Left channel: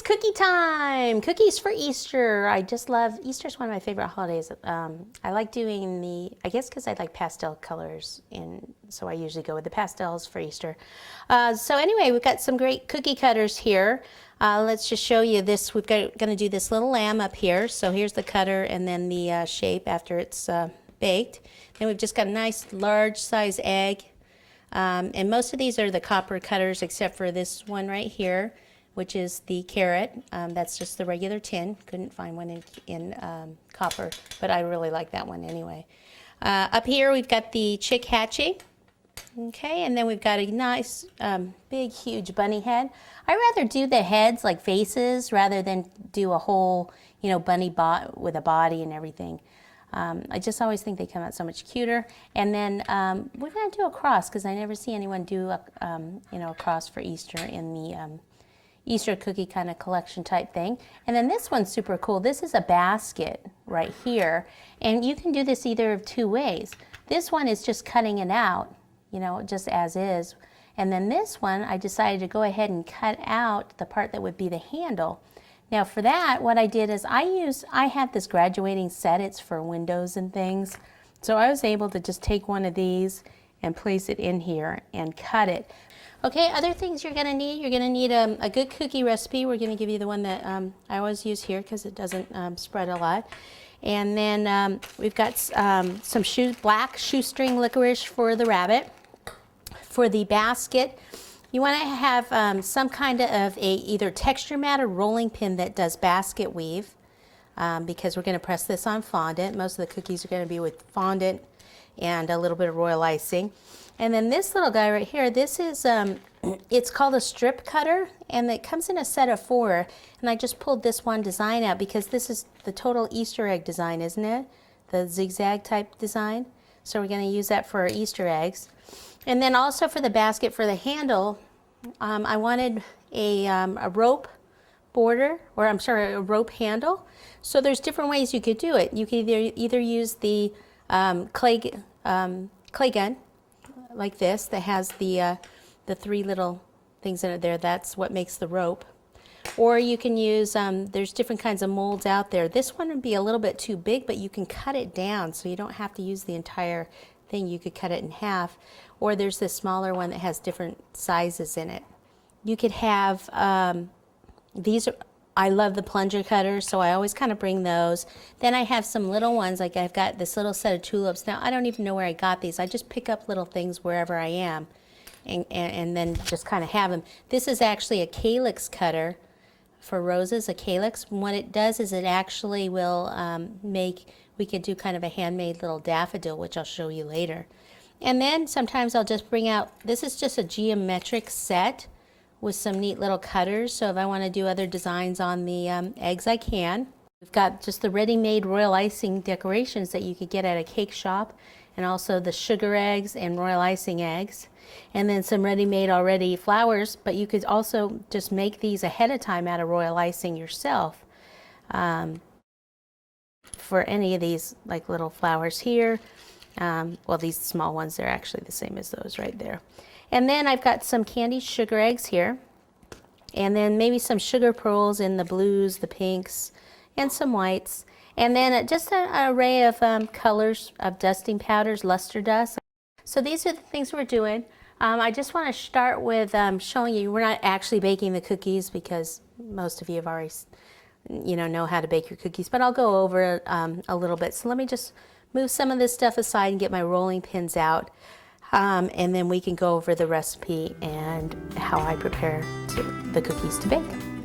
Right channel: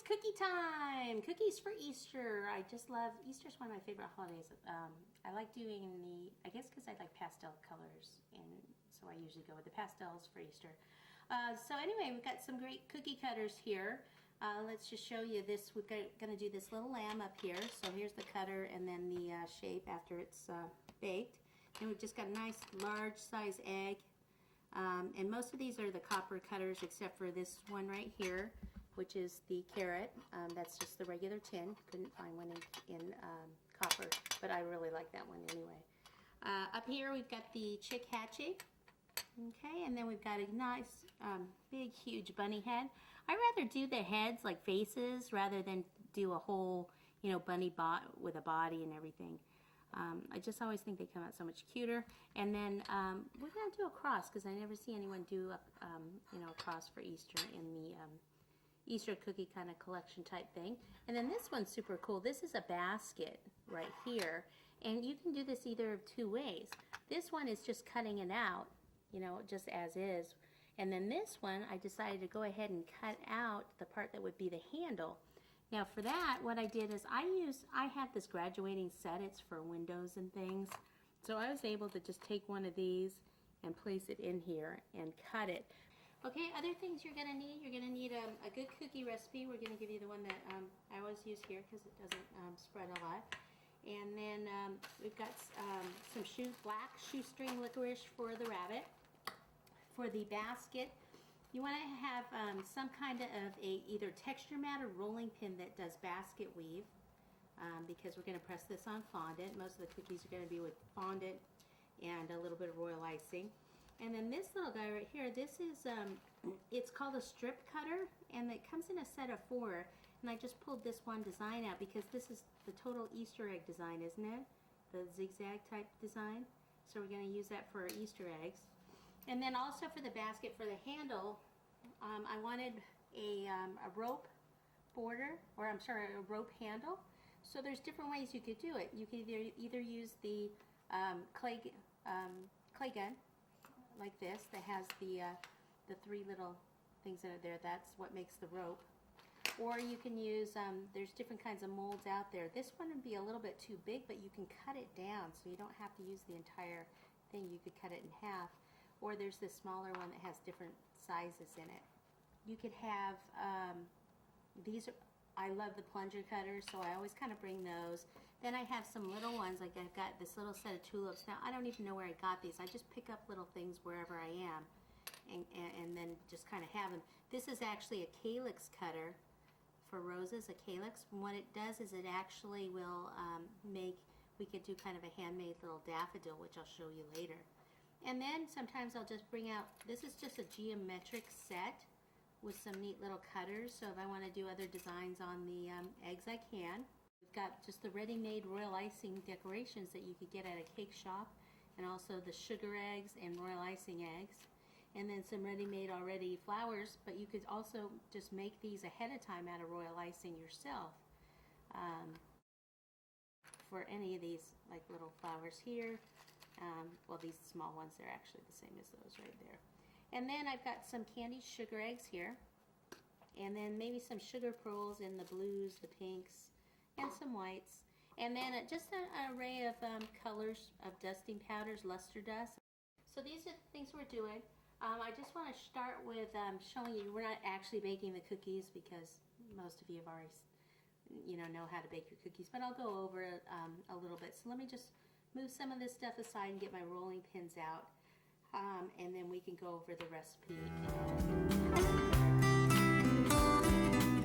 it's cookie time! Cookies for Easter. I just love, Easter's one of my favorite holidays. I like doing I guess because I like pastel colors, and so I usually go with the pastels for Easter. So anyway, we've got some great cookie cutters here. Let's just show you this. We're going to do this little lamb up here. So here's the cutter and then the shape after it's baked. Then we've just got a nice large size egg. And most of these are the copper cutters except for this one right here, which is the carrot. That's just the regular tin. Couldn't find one in copper, but I really like that one anyway. Up here we've got the chick hatchie. Okay, and then we've got a nice big huge bunny head. I rather do the heads like faces rather than do a whole, you know, bunny with a body and everything. I just always think they come out so much cuter. And then we're going to do a cross because I never see anyone do a, you know, a cross for Easter in the Easter cookie kind of collection type thing. And then this one's super cool. This is a basket right here. And you can do this either of two ways. This one is just cutting it out, you know, just as is. And then this one, I decided to go ahead and cut out the part that would be the handle. Now for that, what I did is I had this graduating set. It's for windows and things. So I was able to just take one of these and place it in here and cut it. Okay, other things you're gonna need a good cookie recipe. We're gonna give you the one that I always use here because it doesn't spread a lot. And then we've got some black shoestring licorice for the rabbit. For the basket, you wanna have some kind of either texture mat or rolling pin that does basket weave because we're gonna press this on fondant. Most of the cookies are gonna be with fondant and a little bit of royal icing. And then this little guy right here, this is, it's called a strip cutter, and it comes in a set of 4. And I just pulled this one design out because this is the total Easter egg design, isn't it? The zigzag type design. So we're going to use that for our Easter eggs. And then also for the basket, for the handle, I wanted a rope border, or I'm sorry, a rope handle. So there's different ways you could do it. You could either use the clay gun, like this, that has the 3 little things in it there. That's what makes the rope. Or you can use, there's different kinds of molds out there. This one would be a little bit too big, but you can cut it down so you don't have to use the entire thing. You could cut it in half. Or there's this smaller one that has different sizes in it. You could have, I love the plunger cutters, so I always kind of bring those. Then I have some little ones, like I've got this little set of tulips. Now, I don't even know where I got these. I just pick up little things wherever I am and then just kind of have them. This is actually a calyx cutter for roses, a calyx. And what it does is it actually will we could do kind of a handmade little daffodil, which I'll show you later. And then sometimes I'll just bring out, this is just a geometric set with some neat little cutters, so if I want to do other designs on the eggs, I can. We've got just the ready-made royal icing decorations that you could get at a cake shop, and also the sugar eggs and royal icing eggs, and then some ready-made already flowers, but you could also just make these ahead of time out of royal icing yourself. For any of these like little flowers here, well, these small ones, they're actually the same as those right there. And then I've got some candied sugar eggs here, and then maybe some sugar pearls in the blues, the pinks, and some whites. And then just an array of colors of dusting powders, luster dust. So these are the things we're doing. I just want to start with showing you, we're not actually baking the cookies because most of you have already, you know how to bake your cookies, but I'll go over it a little bit. So let me just move some of this stuff aside and get my rolling pins out. And then we can go over the recipe and how I prepare the cookies to bake.